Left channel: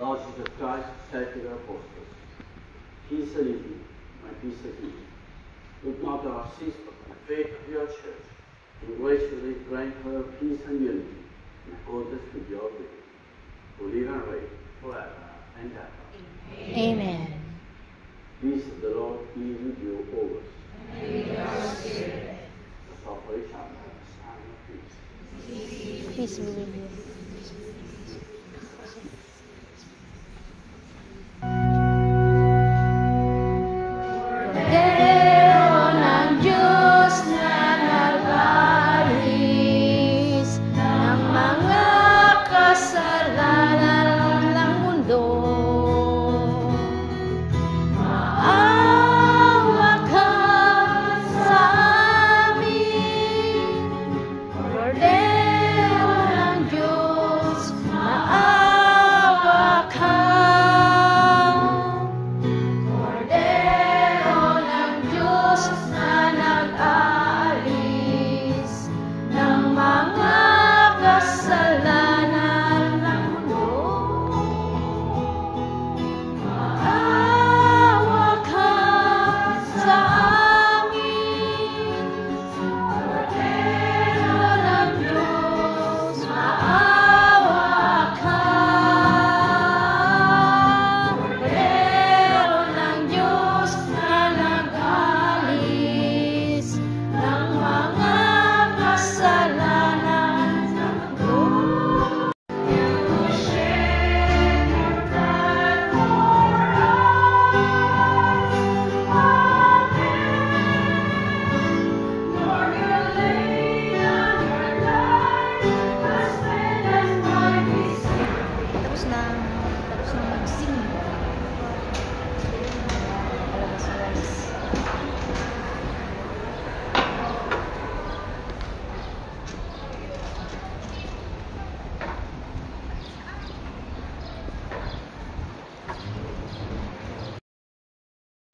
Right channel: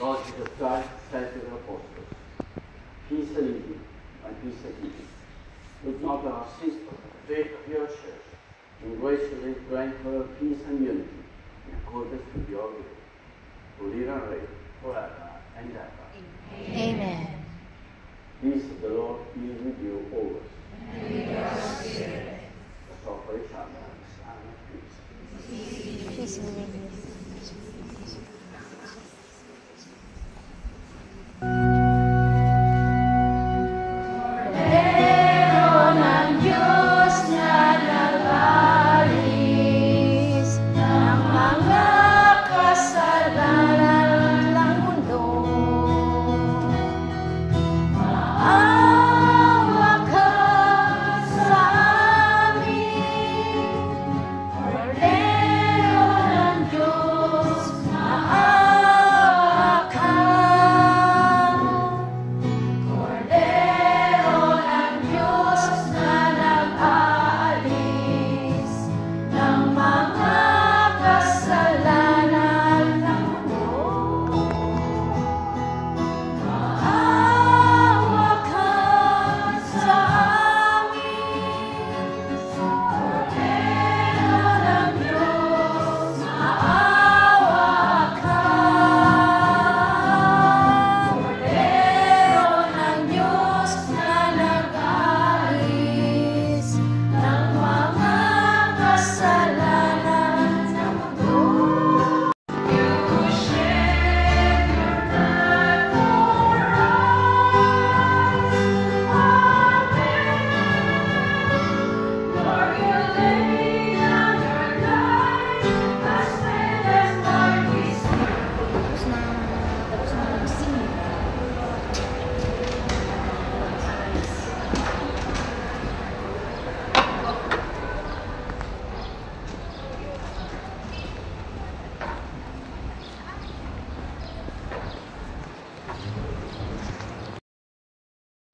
Lordship of Christ, sacred apostles, peace and unity, and peace and healing. Look not our sins, but the faith of your church, and graciously grant her peace and unity, in accordance with your will, who live and reign forever and ever. Amen. Peace of the Lord be with you always. And with your spirit. Let's offer each other a sign of peace. Peace be with you.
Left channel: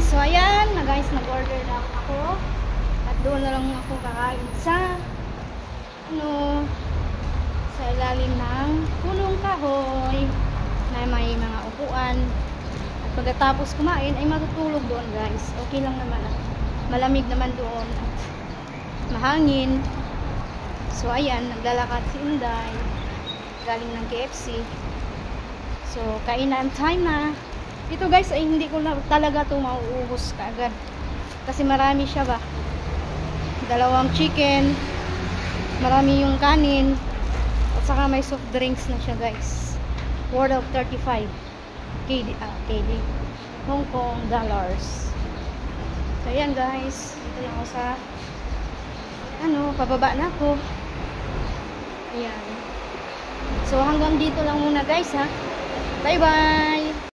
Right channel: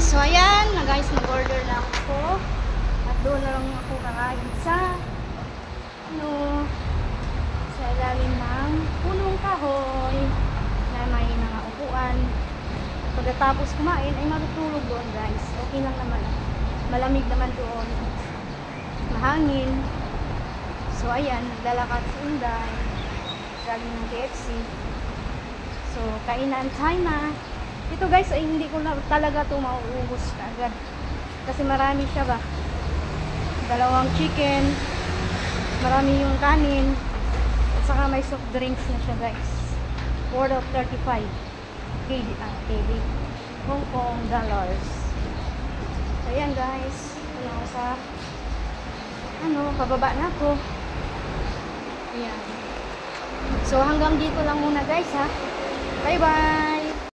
So ayan na guys, nag-order na ako at doon na lang ako kakain sa sa ilalim ng punong kahoy na may mga upuan. At pagkatapos kumain ay matutulog doon guys. Okay lang naman ako. Malamig naman doon. Mahangin. So ayan, naglalakad si Unday galing ng KFC. So kainan time na. Ito guys ay hindi ko na talaga ito mauubos kaagad kasi marami siya ba, dalawang chicken, marami yung kanin at saka may soft drinks na siya guys, worth of 35 KD Hong Kong dollars. So ayan guys, ayan ko sa pababa na ako. Ayan, so hanggang dito lang muna guys ha, bye bye.